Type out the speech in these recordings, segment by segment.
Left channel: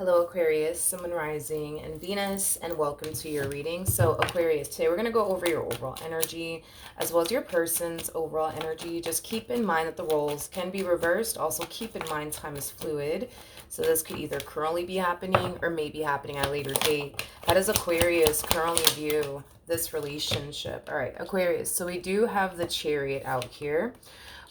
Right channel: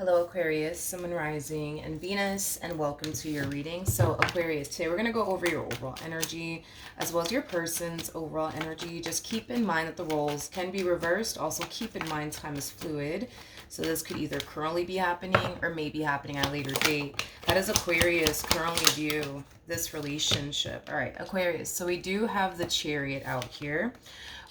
Hello Aquarius, Sun, Moon, Rising, and Venus, and welcome to your reading. So Aquarius, today we're going to go over your overall energy as well as your person's overall energy. Just keep in mind that the roles can be reversed. Also keep in mind time is fluid. So this could either currently be happening or may be happening at a later date. How does Aquarius currently view this relationship? All right, Aquarius, so we do have the Chariot out here.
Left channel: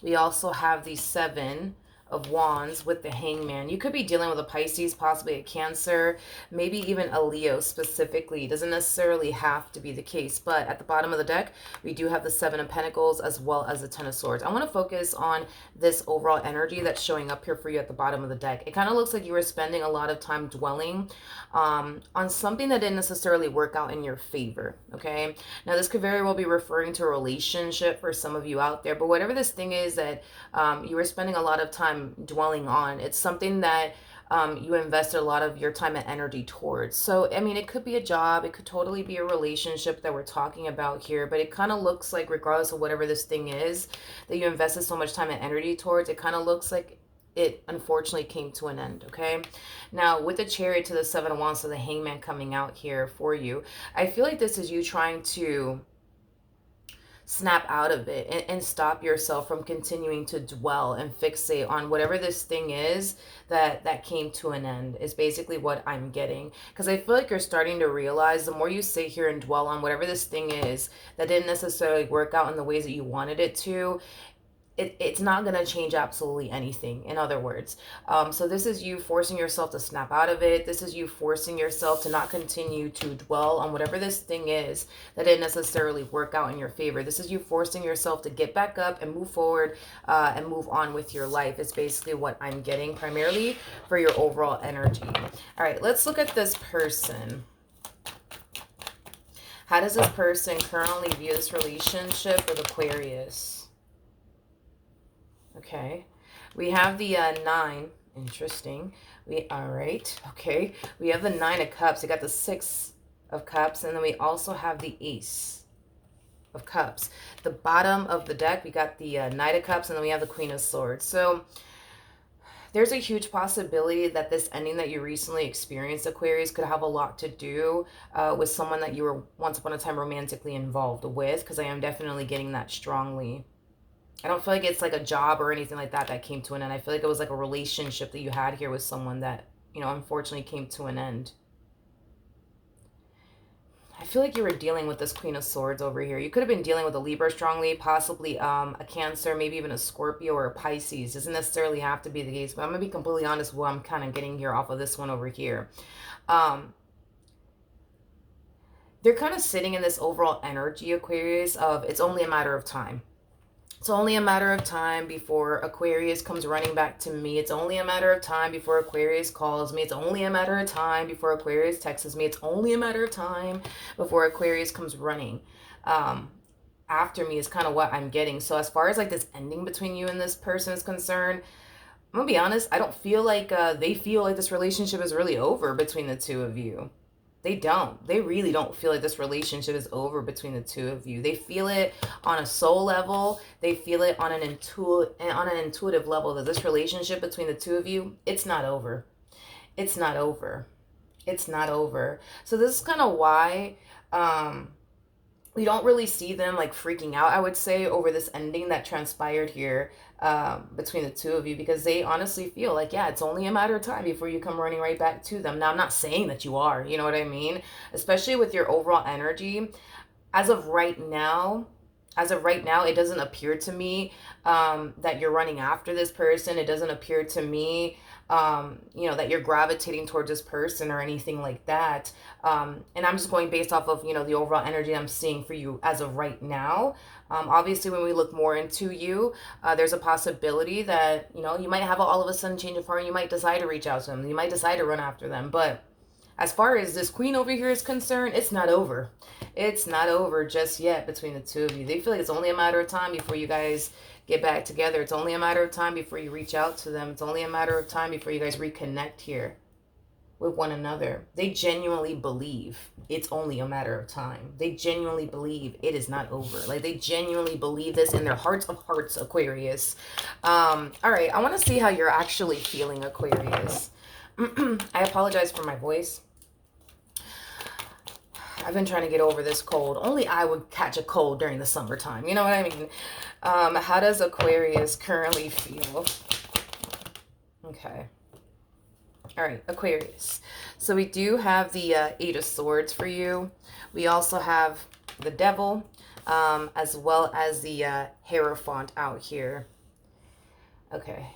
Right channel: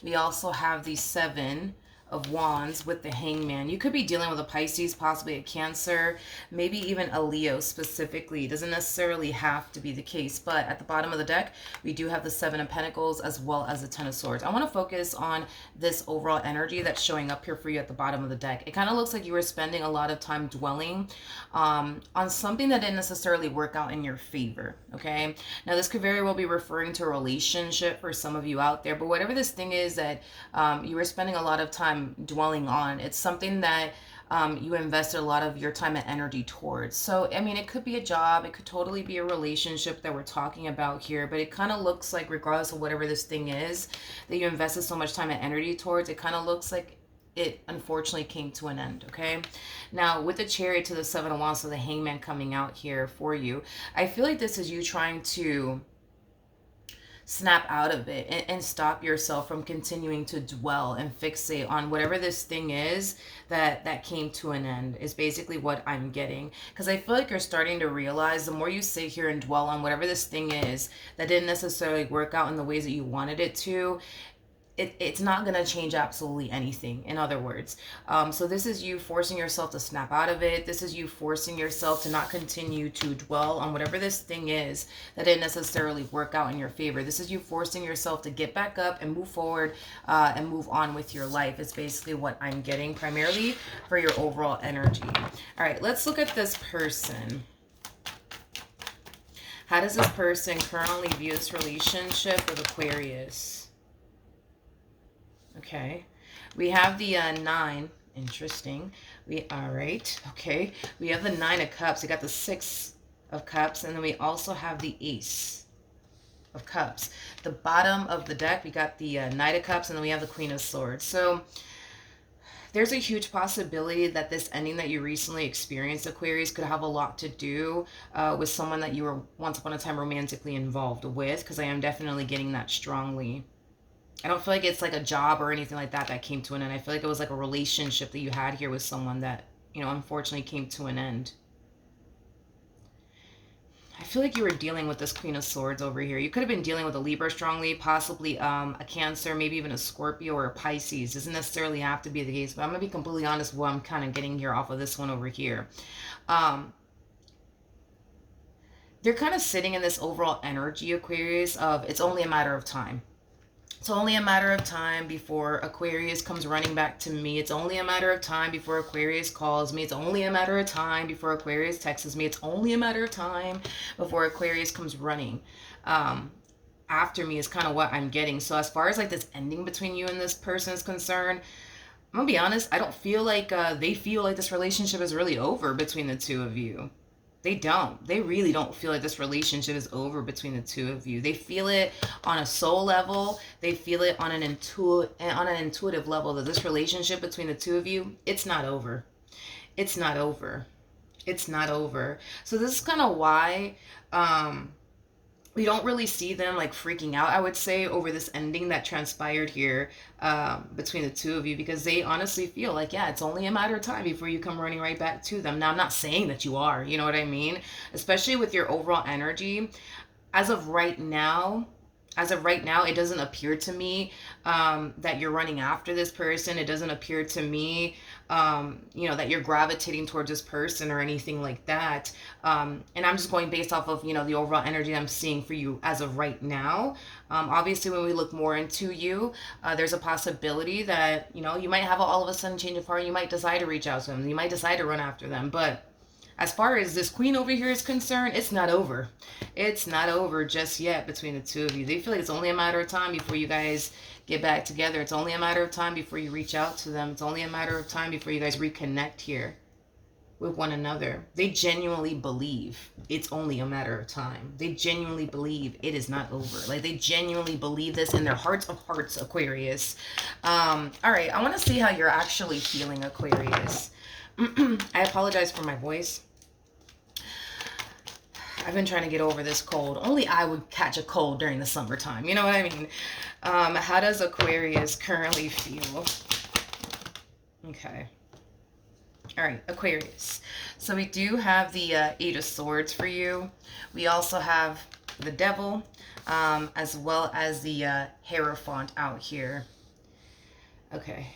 We also have the Seven of Wands with the Hangman. You could be dealing with a Pisces, possibly a Cancer, maybe even a Leo specifically. It doesn't necessarily have to be the case, but at the bottom of the deck, we do have the Seven of Pentacles as well as the Ten of Swords. I want to focus on this overall energy that's showing up here for you at the bottom of the deck. It kind of looks like you were spending a lot of time dwelling on something that didn't necessarily work out in your favor, okay? Now, this could very well be referring to a relationship for some of you out there, but whatever this thing is that you were spending a lot of time dwelling on, it's something that you invested a lot of your time and energy towards. So, I mean, it could be a job, it could totally be a relationship that we're talking about here, but it kind of looks like, regardless of whatever this thing is that you invested so much time and energy towards, it kind of looks like it unfortunately came to an end, okay? Now, with the Chariot to the Seven of Wands, so the Hangman coming out here for you, I feel like this is you trying to snap out of it and stop yourself from continuing to dwell and fixate on whatever this thing is that came to an end, is basically what I'm getting. Because I feel like you're starting to realize the more you sit here and dwell on whatever this thing is that didn't necessarily work out in the ways that you wanted it to, it's not going to change absolutely anything, in other words. So this is you forcing yourself to snap out of it. This is you forcing yourself to not continue to dwell on whatever this thing is that didn't necessarily work out in your favor. This is you forcing yourself to get back up and move forward and move on with your life. It's basically what I'm getting primarily for your overall energy. All right, let's look at this person. How does this person currently view this relationship with Aquarius? Okay, we have the 9. Interesting. All right, okay. We have the 9 of Cups. We got the 6 of Cups, and then we also have the Ace of Cups. The bottom of the deck, we got the Knight of Cups, and then we have the Queen of Swords. So there's a huge possibility that this ending that you recently experienced, Aquarius, could have a lot to do with someone that you were once upon a time romantically involved with, because I am definitely getting that strongly. I don't feel like it's like a job or anything like that came to an end. I feel like it was like a relationship that you had here with someone that, you know, unfortunately came to an end. I feel like you were dealing with this Queen of Swords over here. You could have been dealing with a Libra strongly, possibly a Cancer, maybe even a Scorpio or a Pisces. Doesn't necessarily have to be the case, but I'm going to be completely honest with what I'm kind of getting here off of this one over here. They're kind of sitting in this overall energy, Aquarius, of it's only a matter of time. It's only a matter of time before Aquarius comes running back to me. It's only a matter of time before Aquarius calls me. It's only a matter of time before Aquarius texts me. It's only a matter of time before Aquarius comes running after me, is kind of what I'm getting. So as far as like this ending between you and this person is concerned, I'm going to be honest, I don't feel like they feel like this relationship is really over between the two of you. They don't. They really don't feel like this relationship is over between the two of you. They feel it on a soul level. They feel it on an intuitive level that this relationship between the two of you, it's not over. It's not over. It's not over. So this is kind of why we don't really see them like freaking out, I would say, over this ending that transpired here between the two of you, because they honestly feel like, yeah, it's only a matter of time before you come running right back to them. Now, I'm not saying that you are, you know what I mean? Especially with your overall energy. As of right now, it doesn't appear to me that you're running after this person. It doesn't appear to me you know, that you're gravitating towards this person or anything like that. And I'm just going based off of, you know, the overall energy I'm seeing for you as of right now. Obviously, when we look more into you, there's a possibility that, you know, you might have all of a sudden change of heart. You might decide to reach out to them. You might decide to run after them. But as far as this queen over here is concerned, it's not over. It's not over just yet between the two of you. They feel like it's only a matter of time before you guys get back together. It's only a matter of time before you reach out to them. It's only a matter of time before you guys reconnect here with one another. They genuinely believe it's only a matter of time. They genuinely believe it is not over. Like, they genuinely believe this in their hearts of hearts, Aquarius. All right, I want to see how you're actually feeling, Aquarius. I apologize for my voice. I've been trying to get over this cold. Only I would catch a cold during the summertime. You know what I mean? How does Aquarius currently feel? Okay. All right, Aquarius. So we do have the Eight of Swords for you. We also have the Devil, as well as the Hierophant out here. Okay.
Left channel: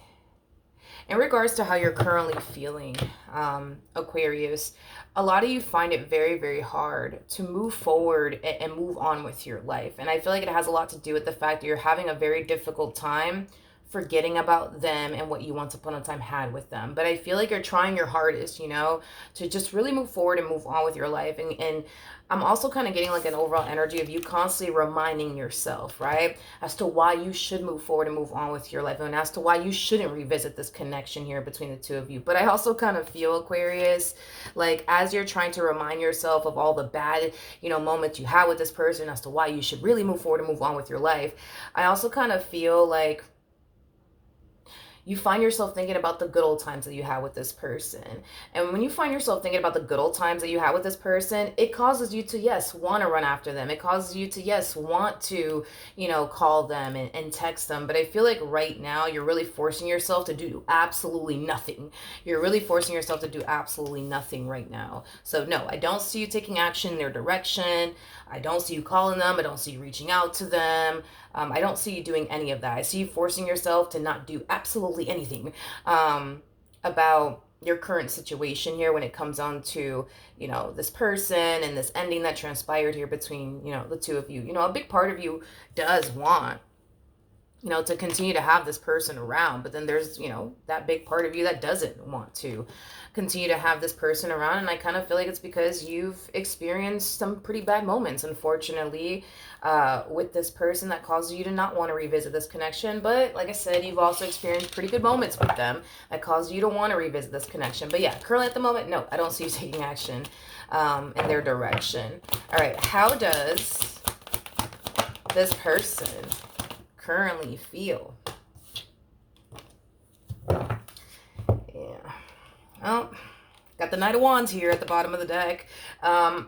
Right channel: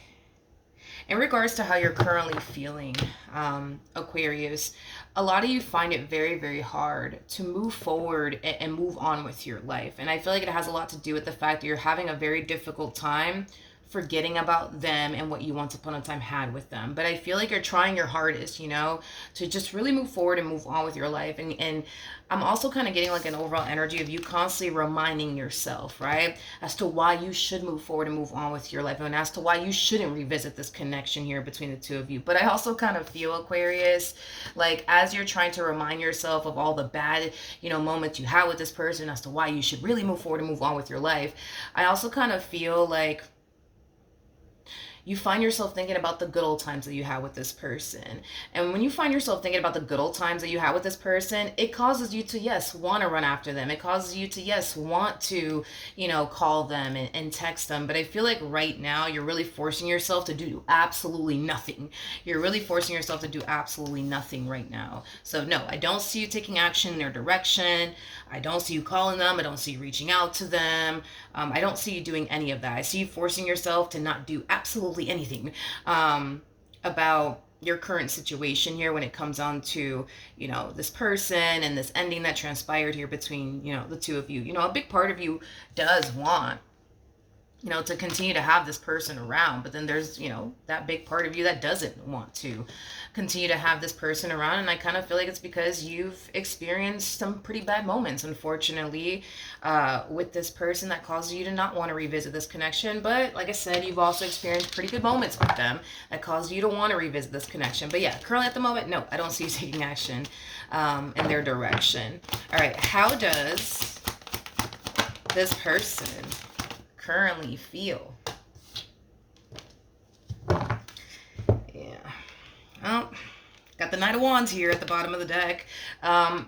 In regards to how you're currently feeling, Aquarius, a lot of you find it very, very hard to move forward and move on with your life. And I feel like it has a lot to do with the fact that you're having a very difficult time forgetting about them and what you once upon a time had with them. But I feel like you're trying your hardest, you know, to just really move forward and move on with your life. And I'm also kind of getting like an overall energy of you constantly reminding yourself, right, as to why you should move forward and move on with your life, and as to why you shouldn't revisit this connection here between the two of you. But I also kind of feel, Aquarius, like as you're trying to remind yourself of all the bad, you know, moments you had with this person, as to why you should really move forward and move on with your life, I also kind of feel like you find yourself thinking about the good old times that you had with this person. And when you find yourself thinking about the good old times that you had with this person, it causes you to, yes, want to run after them. It causes you to, yes, want to, you know, call them and text them. But I feel like right now you're really forcing yourself to do absolutely nothing. You're really forcing yourself to do absolutely nothing right now. So no, I don't see you taking action in their direction. I don't see you calling them. I don't see you reaching out to them. I don't see you doing any of that. I see you forcing yourself to not do absolutely anything about your current situation here when it comes on to, you know, this person and this ending that transpired here between, you know, the two of you. You know, a big part of you does want, you know, to continue to have this person around, but then there's, you know, that big part of you that doesn't want to continue to have this person around. And I kind of feel like it's because you've experienced some pretty bad moments, unfortunately, with this person that causes you to not want to revisit this connection. But like I said, you've also experienced pretty good moments with them that cause you to want to revisit this connection. But yeah, currently at the moment, no, I don't see you taking action in their direction. All right, how does this person currently feel? Yeah. Well, got the Knight of Wands here at the bottom of the deck.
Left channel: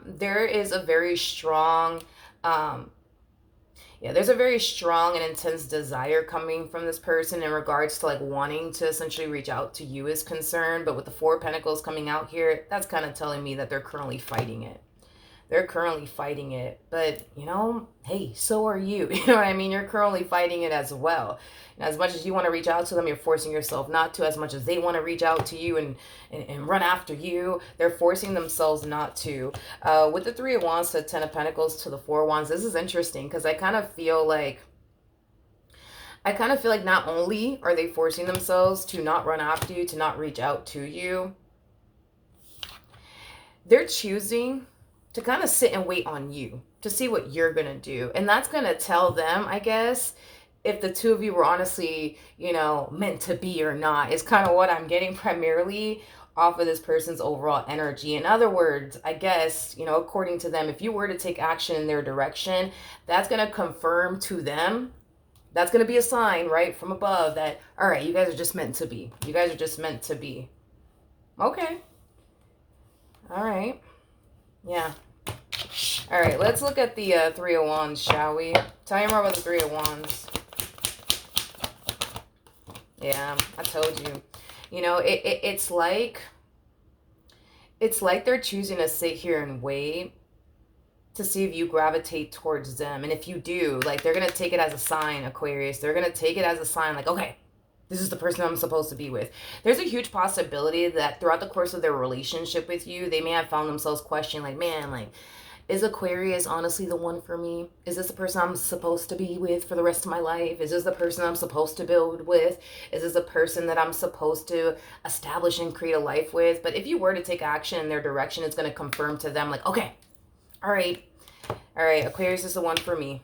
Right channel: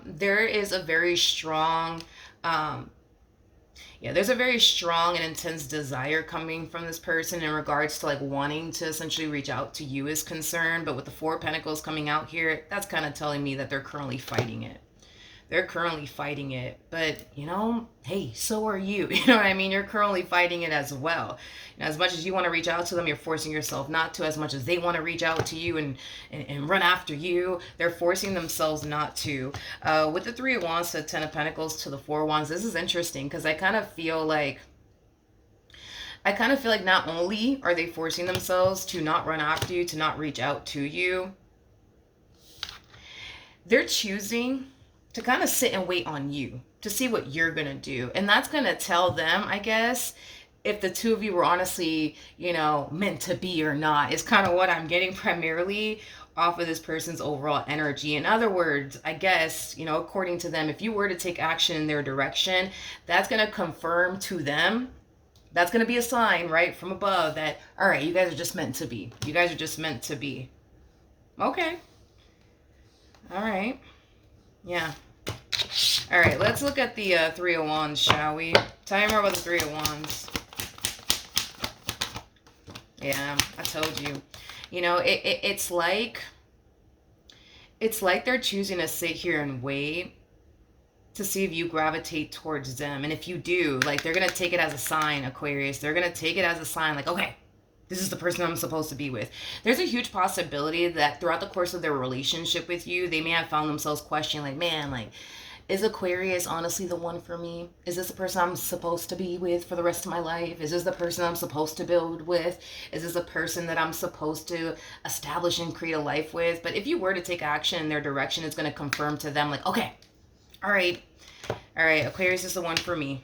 There is a very strong, there's a very strong and intense desire coming from this person in regards to like wanting to essentially reach out to you is concerned. But with the Four of Pentacles coming out here, that's kind of telling me that they're currently fighting it. They're currently fighting it, but you know, hey, so are you. You know what I mean? You're currently fighting it as well. And as much as you want to reach out to them, you're forcing yourself not to. As much as they want to reach out to you and run after you, they're forcing themselves not to. With the Three of Wands to Ten of Pentacles to the Four of Wands, this is interesting because I kind of feel like not only are they forcing themselves to not run after you, to not reach out to you, they're choosing to kind of sit and wait on you to see what you're going to do. And that's going to tell them, I guess, if the two of you were honestly, you know, meant to be or not, is kind of what I'm getting primarily off of this person's overall energy. In other words, I guess, you know, according to them, if you were to take action in their direction, that's going to confirm to them, that's going to be a sign, right, from above that, all right, you guys are just meant to be. You guys are just meant to be. Okay. All right. Yeah. All right, let's look at the Three of Wands, shall we? Tell me more about the Three of Wands. Yeah, I told you. You know, it's like they're choosing to sit here and wait to see if you gravitate towards them. And if you do, like, they're going to take it as a sign, Aquarius. They're going to take it as a sign, like, okay, this is the person I'm supposed to be with. There's a huge possibility that throughout the course of their relationship with you, they may have found themselves questioning, like, man, like, is Aquarius honestly the one for me? Is this the person I'm supposed to be with for the rest of my life? Is this the person I'm supposed to build with? Is this a person that I'm supposed to establish and create a life with? But if you were to take action in their direction, it's going to confirm to them, like, okay, all right, Aquarius is the one for me.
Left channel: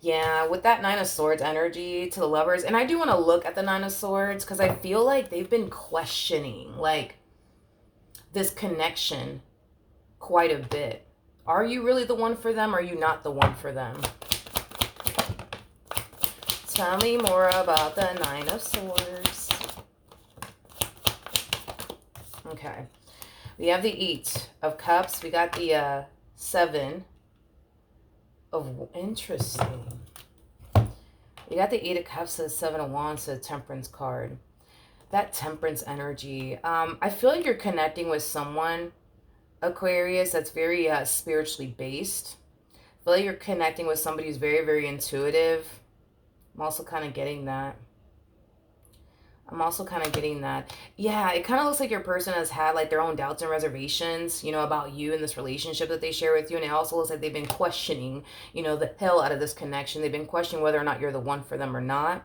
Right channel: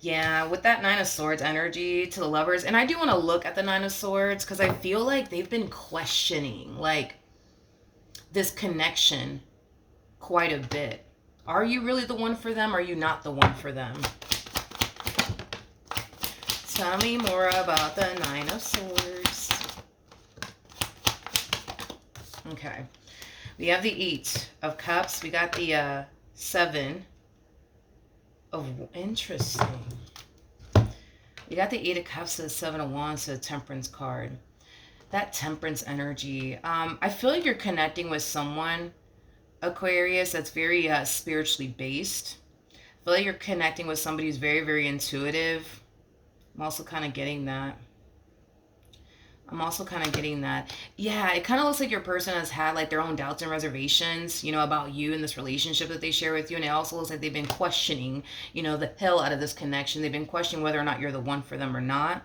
Yeah, with that Nine of Swords energy to the Lovers, and I do want to look at the Nine of Swords because I feel like they've been questioning, like, this connection quite a bit. Are you really the one for them, or are you not the one for them? Tell me more about the Nine of Swords. Okay. We have the 8 of Cups. We got the 7 of... Interesting. You got the 8 of Cups to the 7 of Wands to the Temperance card. That Temperance energy. I feel like you're connecting with someone, Aquarius, that's very spiritually based. I feel like you're connecting with somebody who's very, very intuitive. I'm also kind of getting that. Yeah, it kind of looks like your person has had like their own doubts and reservations, about you and this relationship that they share with you. And it also looks like they've been questioning, the hell out of this connection. They've been questioning whether or not you're the one for them or not.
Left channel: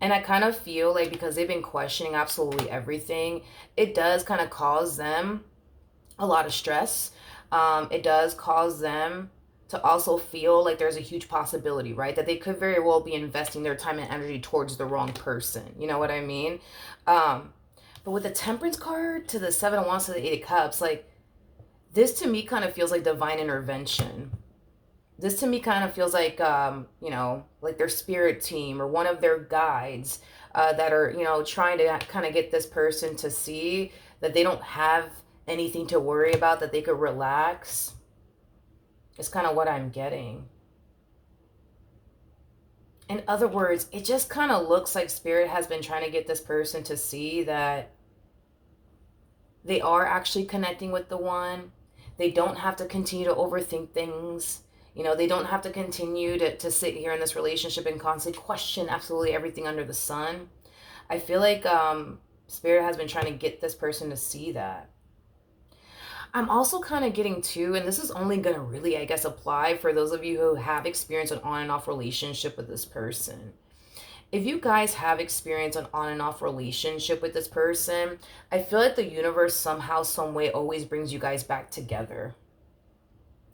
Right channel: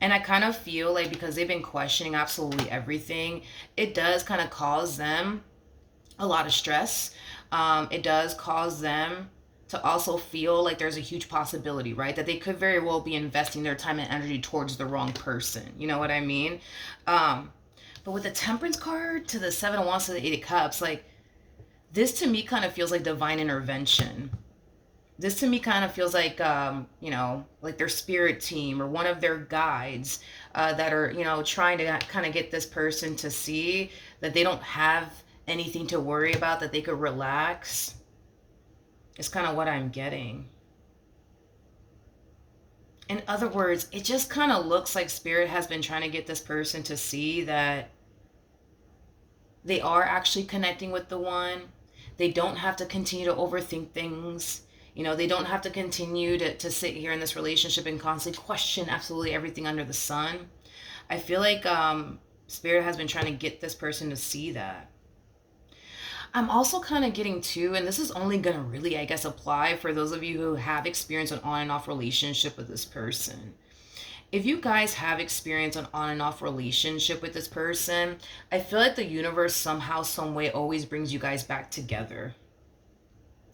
And I kind of feel like because they've been questioning absolutely everything, it does kind of cause them a lot of stress. It does cause them to also feel like there's a huge possibility, right? That they could very well be investing their time and energy towards the wrong person. You know what I mean? But with the Temperance card to the 7 of Wands to the 8 of Cups, like this to me kind of feels like divine intervention. This to me kind of feels like, like their spirit team or one of their guides that are, trying to kind of get this person to see that they don't have anything to worry about, that they could relax. It's kind of what I'm getting. In other words, it just kind of looks like Spirit has been trying to get this person to see that they are actually connecting with the one. They don't have to continue to overthink things. They don't have to continue to sit here in this relationship and constantly question absolutely everything under the sun. I feel like Spirit has been trying to get this person to see that. I'm also kind of getting to, and this is only going to really, I guess, apply for those of you who have experienced an on and off relationship with this person. If you guys have experienced an on and off relationship with this person, I feel like the universe somehow, some way always brings you guys back together.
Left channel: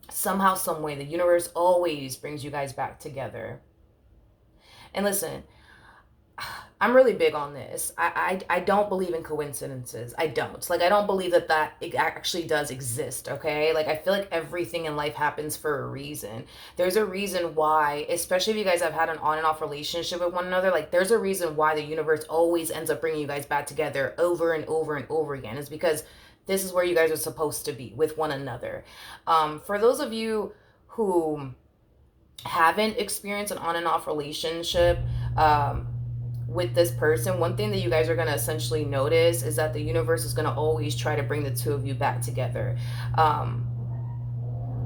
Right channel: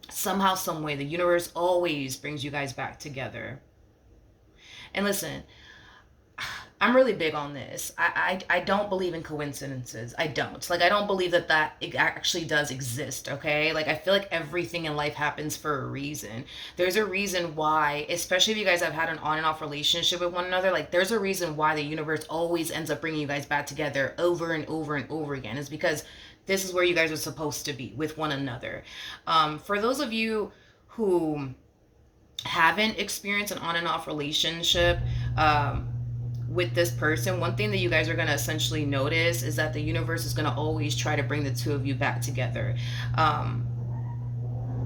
Somehow, some way, the universe always brings you guys back together. And listen, I'm really big on this. I don't believe in coincidences. I don't. Like, I don't believe that it actually does exist, okay? Like, I feel like everything in life happens for a reason. There's a reason why, especially if you guys have had an on and off relationship with one another, like, there's a reason why the universe always ends up bringing you guys back together over and over and over again. It's because this is where you guys are supposed to be, with one another. For those of you who haven't experienced an on and off relationship, with this person, one thing that you guys are going to essentially notice is that the universe is going to always try to bring the two of you back together.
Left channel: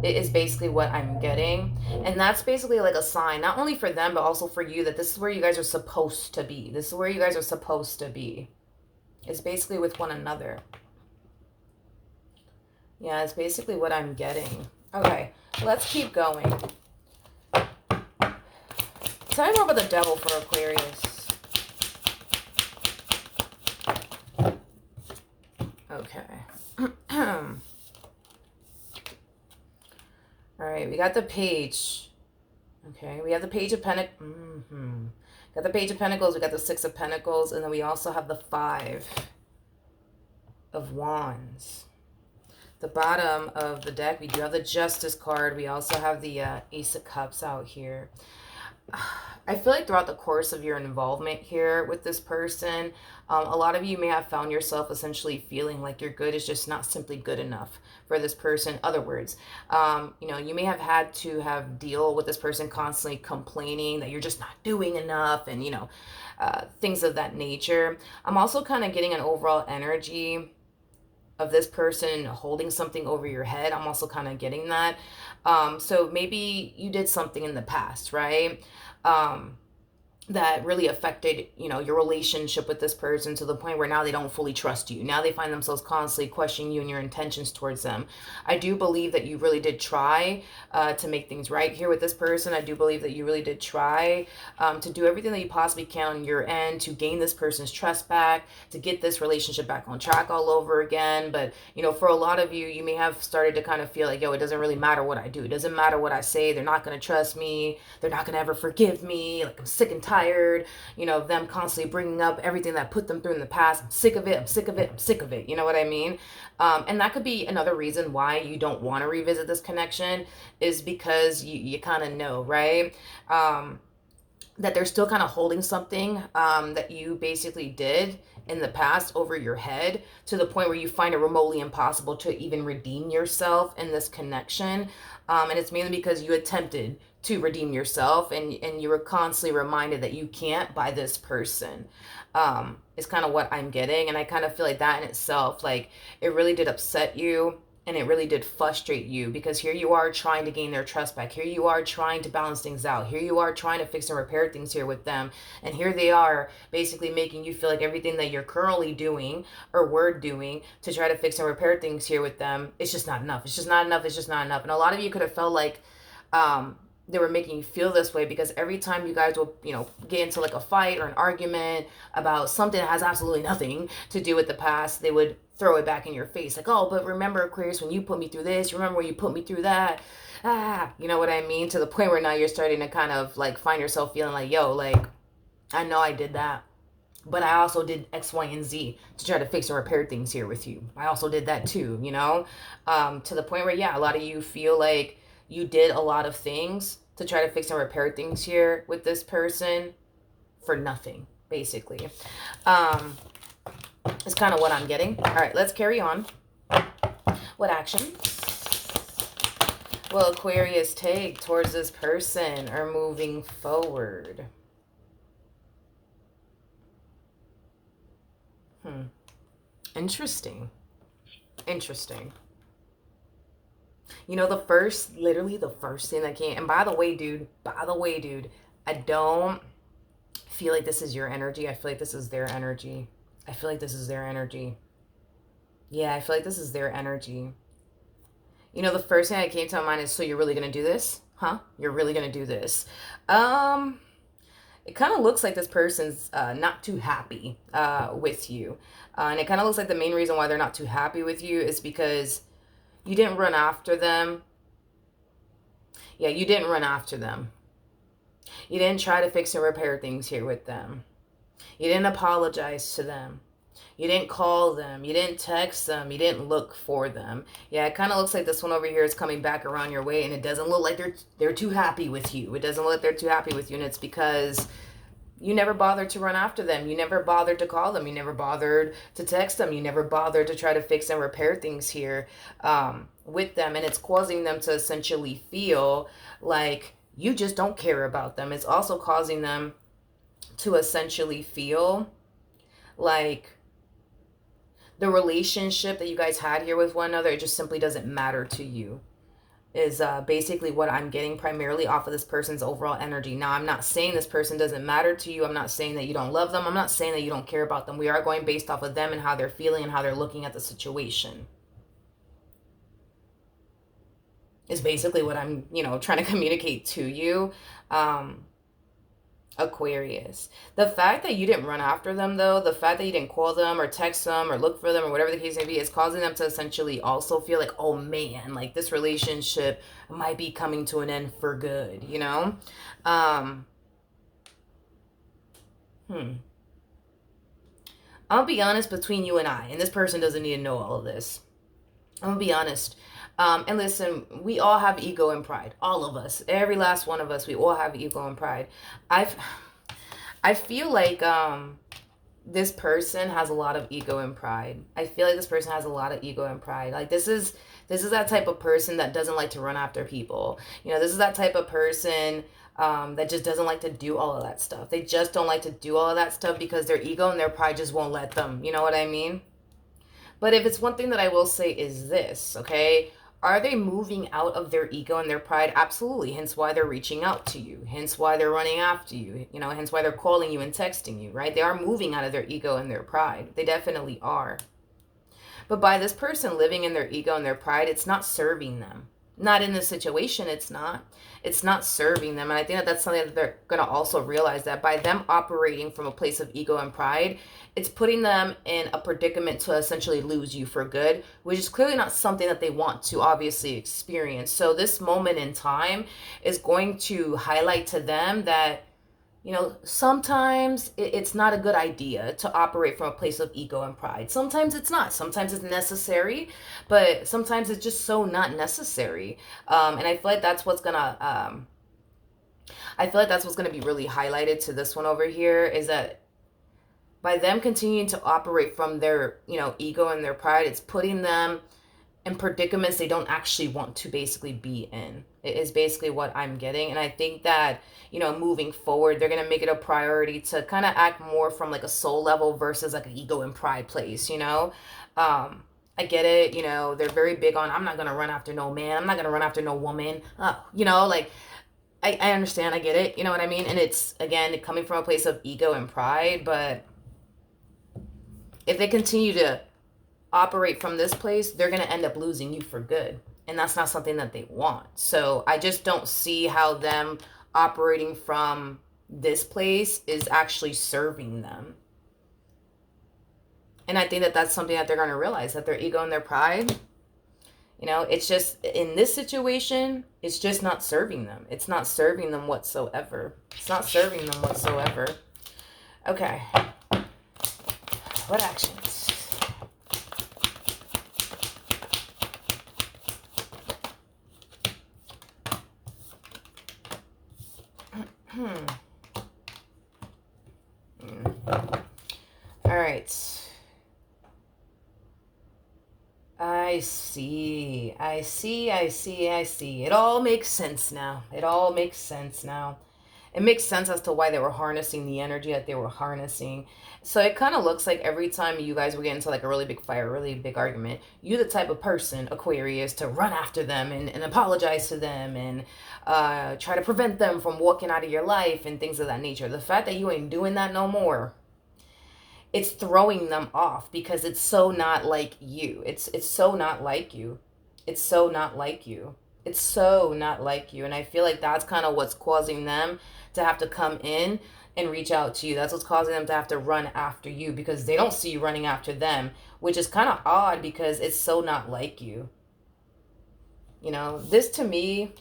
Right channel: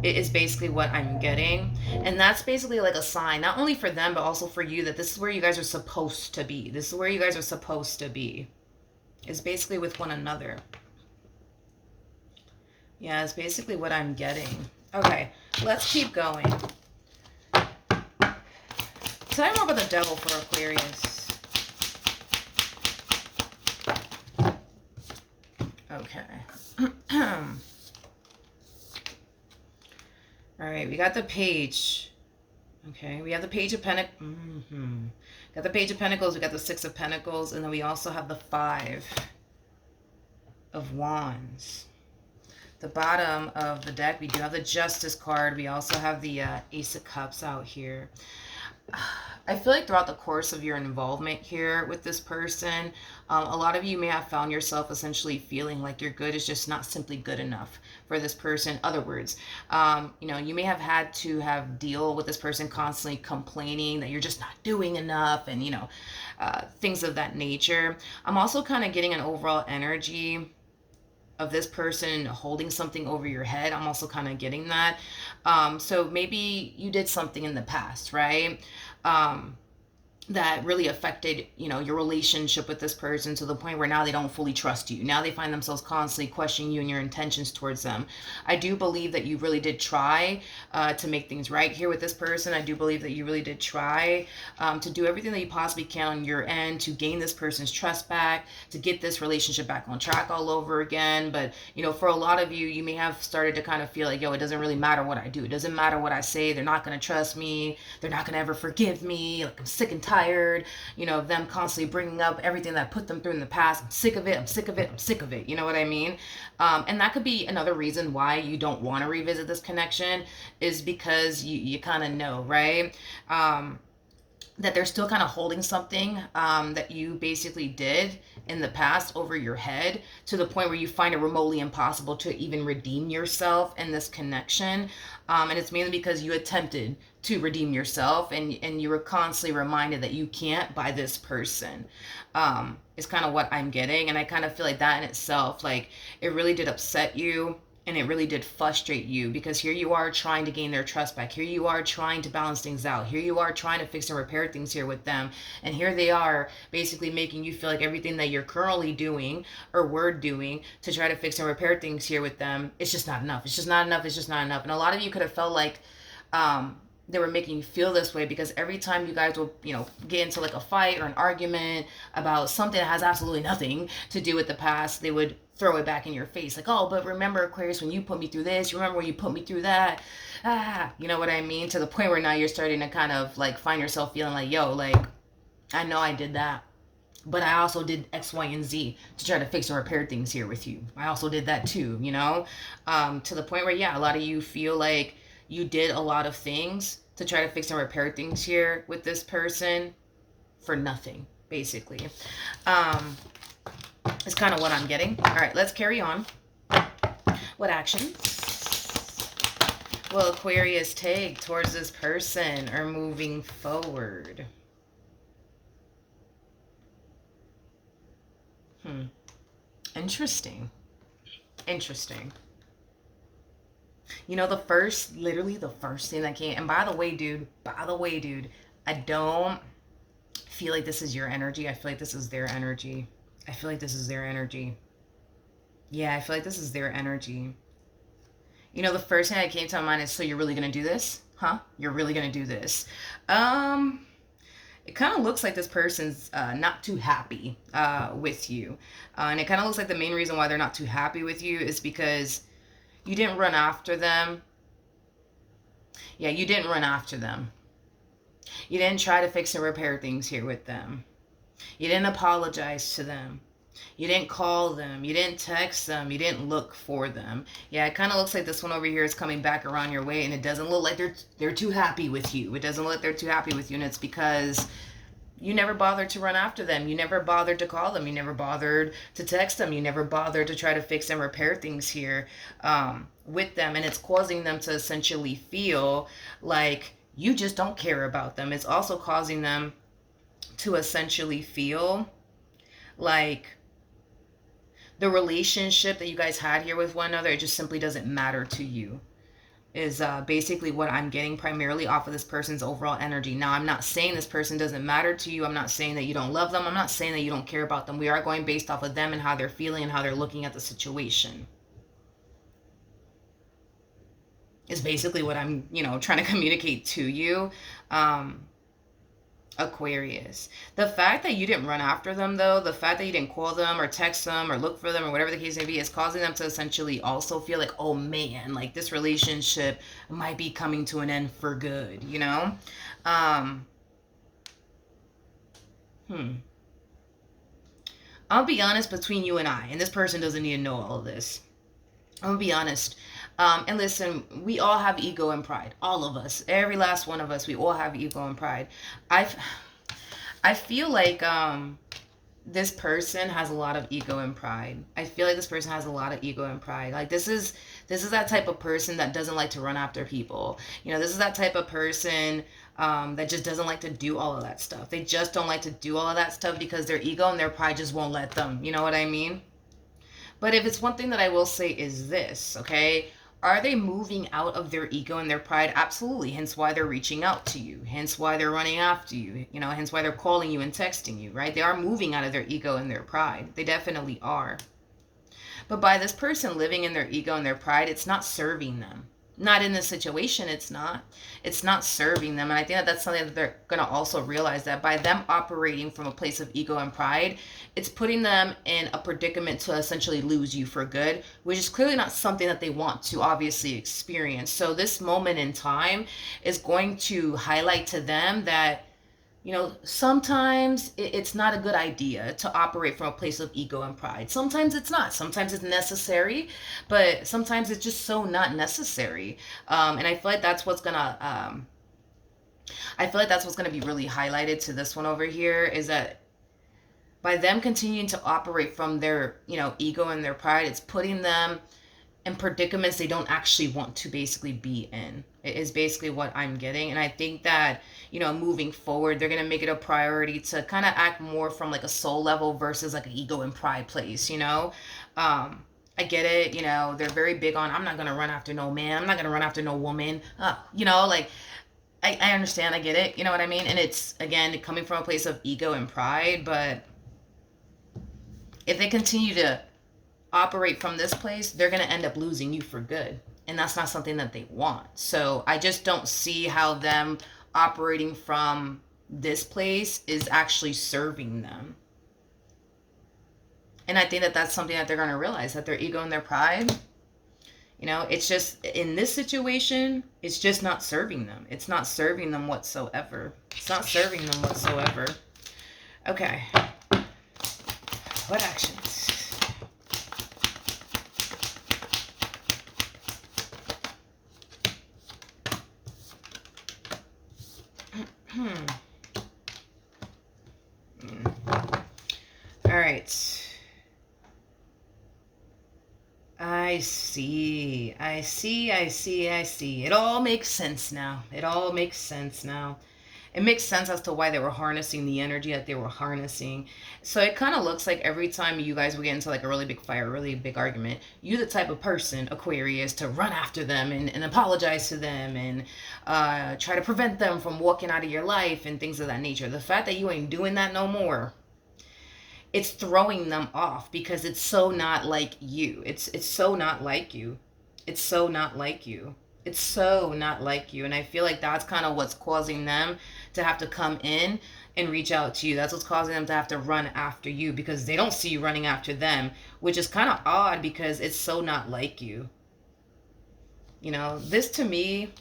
It is basically what I'm getting. And that's basically like a sign, not only for them, but also for you, that this is where you guys are supposed to be. This is where you guys are supposed to be. It's basically with one another. Yeah, it's basically what I'm getting. Okay, let's keep going. Tell me more about the Devil for Aquarius. Okay. All right, we got the Page. Okay, we have the Page of Pentacles. Got the Page of Pentacles, we got the 6 of Pentacles, and then we also have the 5 of Wands. The bottom of the deck, we do have the Justice card. We also have the Ace of Cups out here. I feel like throughout the course of your involvement here with this person, a lot of you may have found yourself essentially feeling like your good is just not simply good enough for this person. In other words, you may have had to have deal with this person constantly complaining that you're just not doing enough, and things of that nature. I'm also kind of getting an overall energy of this person holding something over your head. I'm also kind of getting that. So maybe you did something in the past, right? That really affected, your relationship with this person to the point where now they don't fully trust you. Now they find themselves constantly questioning you and your intentions towards them. I do believe that you really did try to make things right here with this person. I do believe that you really did try to do everything that you possibly can on your end to gain this person's trust back, to get this relationship back on track all over again. But, for a lot of you, you may have started to kind of feel like, it doesn't really matter what I do. It doesn't matter what I say. They're not going to trust me. They're not going to ever forgive me. Like, I'm sick and tired, of them constantly bringing up everything that put them through in the past. I'm sick of it. I'm sick of it. I'm sick of it. You know what I mean? And that could be another reason why you don't want to revisit this connection, is because you kind of know, right? That they're still kind of holding something that you basically did in the past over your head, to the point where you find it remotely impossible to even redeem yourself in this connection. And it's mainly because you attempted to redeem yourself, and you were constantly reminded that you can't by this person. Is kind of what I'm getting. And I kind of feel like that in itself, like, it really did upset you, and it really did frustrate you, because here you are trying to gain their trust back. Here you are trying to balance things out. Here you are trying to fix and repair things here with them. And here they are basically making you feel like everything that you're currently doing or were doing to try to fix and repair things here with them, it's just not enough. It's just not enough. It's just not enough. And a lot of you could have felt like, they were making you feel this way, because every time you guys will, get into like a fight or an argument about something that has absolutely nothing to do with the past, they would throw it back in your face. Like, oh, but remember, Aquarius, when you put me through this, you remember when you put me through that? You know what I mean? To the point where now you're starting to kind of like find yourself feeling like, yo, like, I know I did that, but I also did X, Y, and Z to try to fix or repair things here with you. I also did that too, to the point where, yeah, a lot of you feel like you did a lot of things to try to fix and repair things here with this person for nothing, basically. Is kind of what I'm getting. All right, let's carry on. What action will Aquarius take towards this person or moving forward? Interesting. Interesting. Literally the first thing that came, and by the way, dude, I don't feel like this is your energy. I feel like this is their energy. I feel like this is their energy. Yeah, I feel like this is their energy. The first thing that came to my mind is, so you're really going to do this? Huh? You're really going to do this? It kind of looks like this person's not too happy with you. And it kind of looks like the main reason why they're not too happy with you is because you didn't run after them. Yeah, you didn't run after them. You didn't try to fix and repair things here with them. You didn't apologize to them. You didn't call them. You didn't text them. You didn't look for them. Yeah, it kind of looks like this one over here is coming back around your way, and it doesn't look like they're too happy with you. It doesn't look like they're too happy with you, and it's because you never bothered to run after them. You never bothered to call them. You never bothered to text them. You never bothered to try to fix and repair things here with them. And it's causing them to essentially feel like you just don't care about them. It's also causing them to essentially feel like the relationship that you guys had here with one another, it just simply doesn't matter to you, is basically what I'm getting primarily off of this person's overall energy. Now, I'm not saying this person doesn't matter to you. I'm not saying that you don't love them. I'm not saying that you don't care about them. We are going based off of them and how they're feeling and how they're looking at the situation. Is basically what I'm, trying to communicate to you. Aquarius. The fact that you didn't run after them, though, the fact that you didn't call them or text them or look for them or whatever the case may be, is causing them to essentially also feel like, oh man, like this relationship might be coming to an end for good, I'll be honest, between you and I, and this person doesn't need to know all of this. I'm gonna be honest. And listen, we all have ego and pride. All of us. Every last one of us, we all have ego and pride. I feel like this person has a lot of ego and pride. I feel like this person has a lot of ego and pride. Like this is that type of person that doesn't like to run after people. This is that type of person that just doesn't like to do all of that stuff. They just don't like to do all of that stuff because their ego and their pride just won't let them. You know what I mean? But if it's one thing that I will say is this, okay? Are they moving out of their ego and their pride? Absolutely. Hence why they're reaching out to you. Hence why they're running after you. Hence why they're calling you and texting you, right? They are moving out of their ego and their pride. They definitely are. But by this person living in their ego and their pride, it's not serving them. Not in this situation, it's not. It's not serving them. And I think that that's something that they're going to also realize, that by them operating from a place of ego and pride, it's putting them in a predicament to essentially lose you for good, which is clearly not something that they want to obviously experience. So this moment in time is going to highlight to them that, sometimes it's not a good idea to operate from a place of ego and pride. Sometimes it's not. Sometimes it's necessary, but sometimes it's just so not necessary. And I feel like that's what's gonna be really highlighted to this one over here, is that by them continuing to operate from their, ego and their pride, it's putting them in predicaments they don't actually want to basically be in. It is basically what I'm getting. And I think that, moving forward, they're going to make it a priority to kind of act more from like a soul level versus like an ego and pride place. I get it. They're very big on, I'm not going to run after no man. I'm not going to run after no woman. Like, I understand. I get it. You know what I mean? And it's, again, coming from a place of ego and pride. But if they continue to operate from this place, they're going to end up losing you for good. And that's not something that they want. So I just don't see how them operating from this place is actually serving them. And I think that that's something that they're going to realize, that their ego and their pride, it's just, in this situation, it's just not serving them. It's not serving them whatsoever. It's not serving them whatsoever. Okay. What actions? All right. I see. It all makes sense now. It makes sense as to why they were harnessing the energy that they were harnessing. So it kind of looks like every time you guys would get into like a really big fight, a really big argument, you the type of person, Aquarius, to run after them and apologize to them and try to prevent them from walking out of your life and things of that nature. The fact that you ain't doing that no more, it's throwing them off because it's so not like you. It's so not like you. It's so not like you. It's so not like you. And I feel like that's kind of what's causing them to have to come in and reach out to you. That's what's causing them to have to run after you, because they don't see you running after them, which is kind of odd because it's so not like you. This to me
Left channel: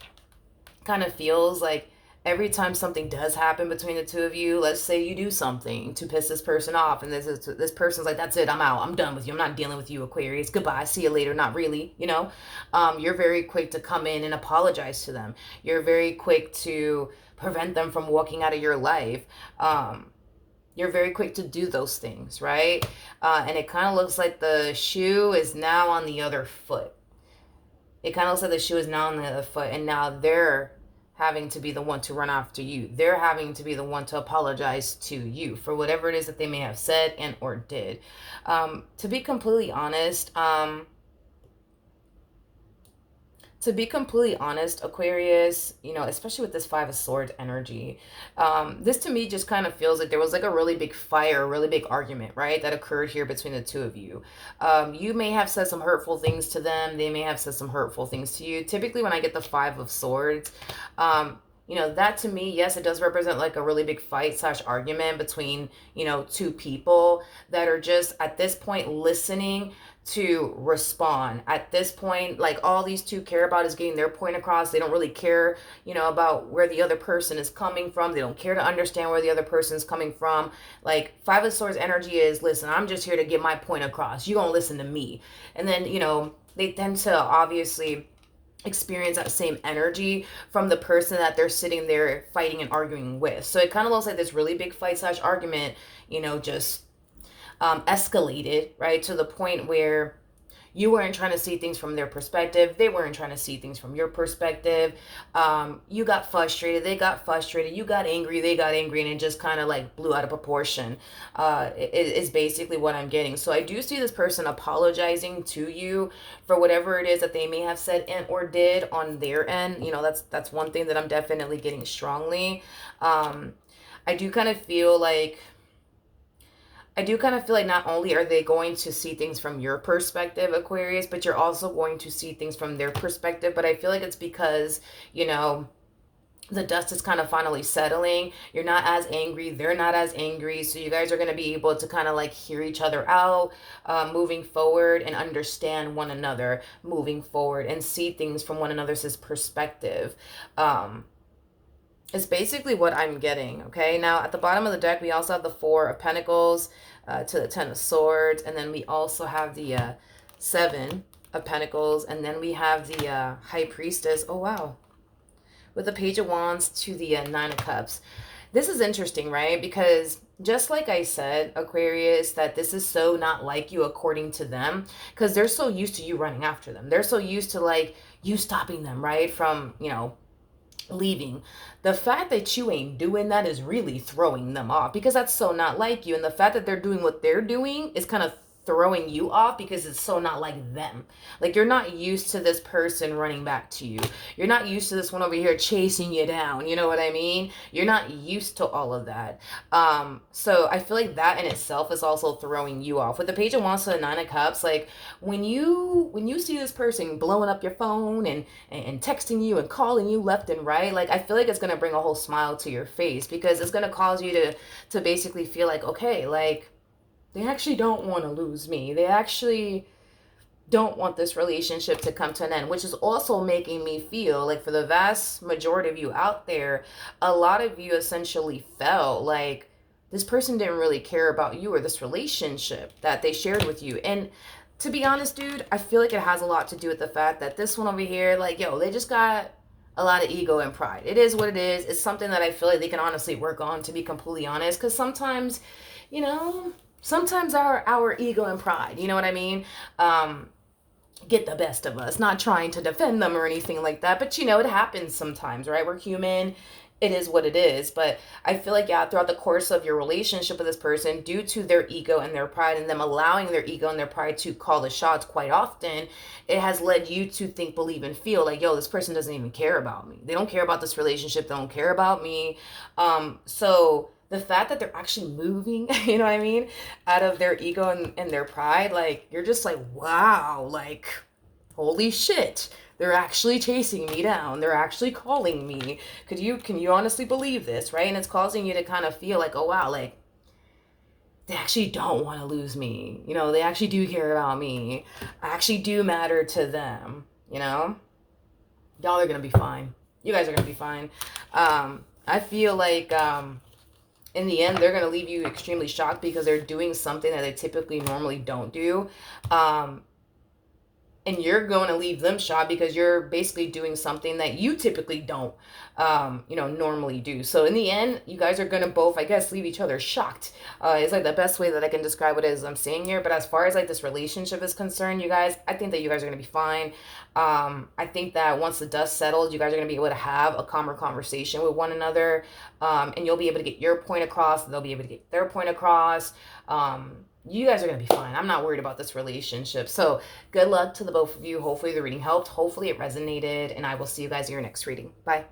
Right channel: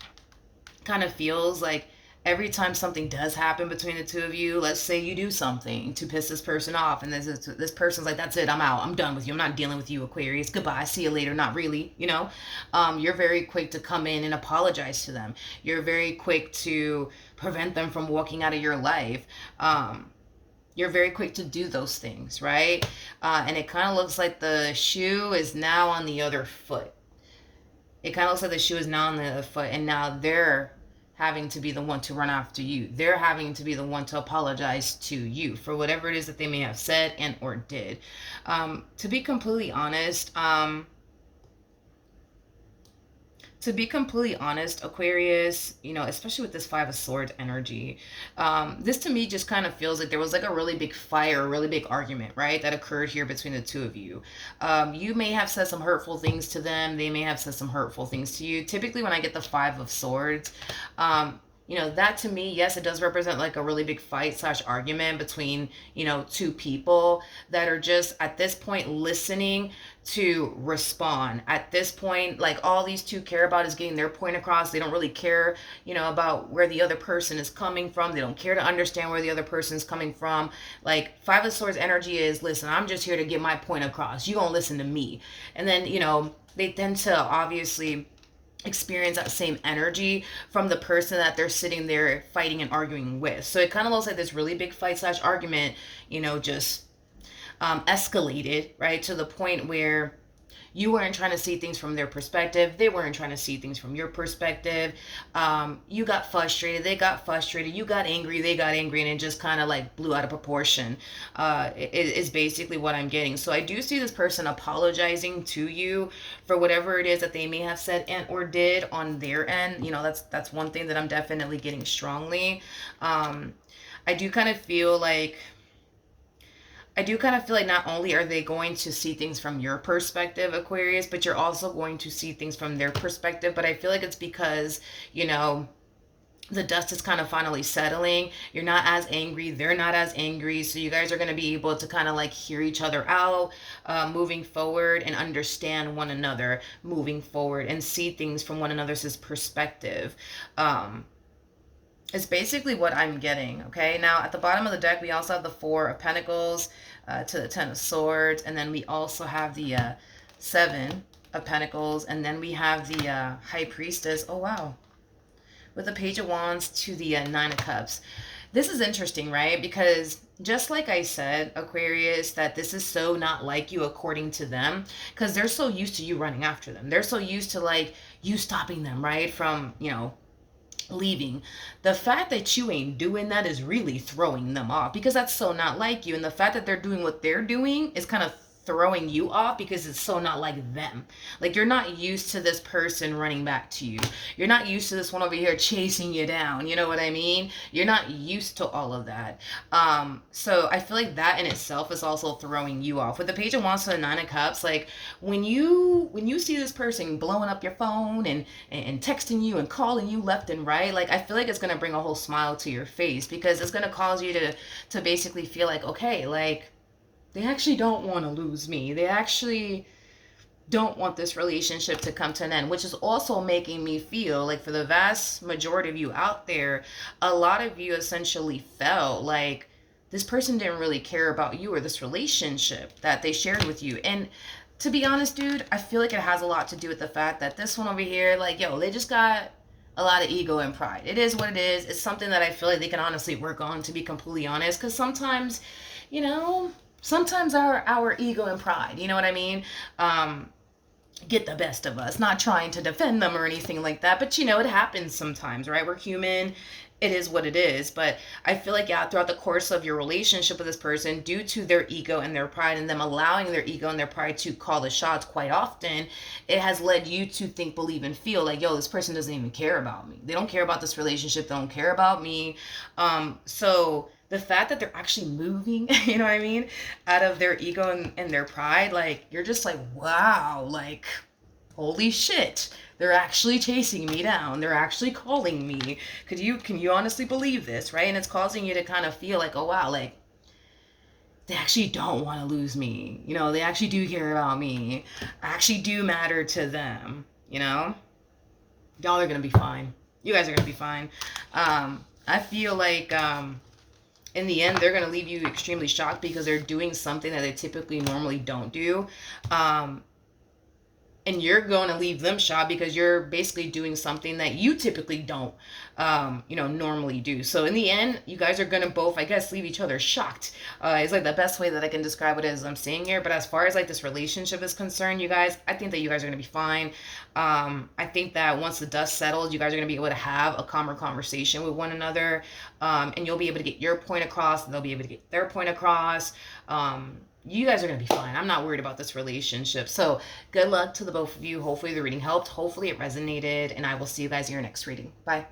kind of feels like every time something does happen between the two of you, let's say you do something to piss this person off, and this person's like, that's it, I'm out, I'm done with you, I'm not dealing with you, Aquarius, goodbye, see you later. Not really. You're very quick to come in and apologize to them. You're very quick to prevent them from walking out of your life. You're very quick to do those things, right? And it kind of looks like the shoe is now on the other foot. And now they're having to be the one to run after you. They're having to be the one to apologize to you for whatever it is that they may have said and or did. To be completely honest, Aquarius, especially with this Five of Swords energy, this to me just kind of feels like there was like a really big fire, a really big argument, right, that occurred here between the two of you. You may have said some hurtful things to them. They may have said some hurtful things to you. Typically, when I get the Five of Swords, that to me, yes, it does represent like a really big fight / argument between, two people that are just at this point listening to respond. At this point, like, all these two care about is getting their point across. They don't really care, about where the other person is coming from. They don't care to understand where the other person is coming from. Like, Five of Swords energy is, listen, I'm just here to get my point across. You gonna listen to me. And then, they tend to obviously experience that same energy from the person that they're sitting there fighting and arguing with. So it kind of looks like this really big fight / argument, just escalated, right, to the point where you weren't trying to see things from their perspective. They weren't trying to see things from your perspective. You got frustrated. They got frustrated. You got angry. They got angry. And it just kind of like blew out of proportion. Is basically what I'm getting. So I do see this person apologizing to you for whatever it is that they may have said and or did on their end. That's one thing that I'm definitely getting strongly. I do kind of feel like not only are they going to see things from your perspective, Aquarius, but you're also going to see things from their perspective. But I feel like it's because, the dust is kind of finally settling. You're not as angry. They're not as angry. So you guys are going to be able to kind of like hear each other out moving forward and understand one another moving forward and see things from one another's perspective. Is basically what I'm getting. Okay, now at the bottom of the deck, we also have the Four of Pentacles to the Ten of Swords, and then we also have the Seven of Pentacles, and then we have the High Priestess. Oh, wow. With the Page of Wands to the Nine of Cups. This is interesting, right? Because, just like I said, Aquarius, that this is so not like you according to them, because they're so used to you running after them. They're so used to like you stopping them, right? From, leaving. The fact that you ain't doing that is really throwing them off, because that's so not like you. And the fact that they're doing what they're doing is kind of throwing you off, because it's so not like them. Like, you're not used to this person running back to you. You're not used to this one over here chasing you down. You know what I mean? You're not used to all of that. So I feel like that in itself is also throwing you off. With the Page of Wands to the Nine of Cups, like, when you see this person blowing up your phone and texting you and calling you left and right, like, I feel like it's gonna bring a whole smile to your face, because it's gonna cause you to basically feel like, okay, like, they actually don't want to lose me. They actually don't want this relationship to come to an end, which is also making me feel like, for the vast majority of you out there, a lot of you essentially felt like this person didn't really care about you or this relationship that they shared with you. And to be honest, dude, I feel like it has a lot to do with the fact that this one over here, like, yo, they just got a lot of ego and pride. It is what it is. It's something that I feel like they can honestly work on, to be completely honest, because sometimes, you know, sometimes our ego and pride, you know what I mean, get the best of us. Not trying to defend them or anything like that, but it happens sometimes, right? We're human. It is what it is. But I feel like, yeah, throughout the course of your relationship with this person, due to their ego and their pride, and them allowing their ego and their pride to call the shots quite often, it has led you to think, believe, and feel like, yo, this person doesn't even care about me. They don't care about this relationship. They don't care about me. So the fact that they're actually moving, you know what I mean, out of their ego and their pride, like, you're just like, wow, like, holy shit, they're actually chasing me down. They're actually calling me. Can you honestly believe this, right? And it's causing you to kind of feel like, oh wow, like, they actually don't want to lose me. They actually do care about me. I actually do matter to them, Y'all are gonna be fine. You guys are gonna be fine. I feel like in the end, they're going to leave you extremely shocked, because they're doing something that they typically normally don't do. And you're going to leave them shocked, because you're basically doing something that you typically don't, normally do. So in the end, you guys are going to both, I guess, leave each other shocked. It's like the best way that I can describe it as I'm saying here. But as far as like this relationship is concerned, you guys, I think that you guys are going to be fine. I think that once the dust settles, you guys are going to be able to have a calmer conversation with one another. And you'll be able to get your point across, and they'll be able to get their point across. You guys are going to be fine. I'm not worried about this relationship. So good luck to the both of you. Hopefully the reading helped. Hopefully it resonated. And I will see you guys in your next reading. Bye.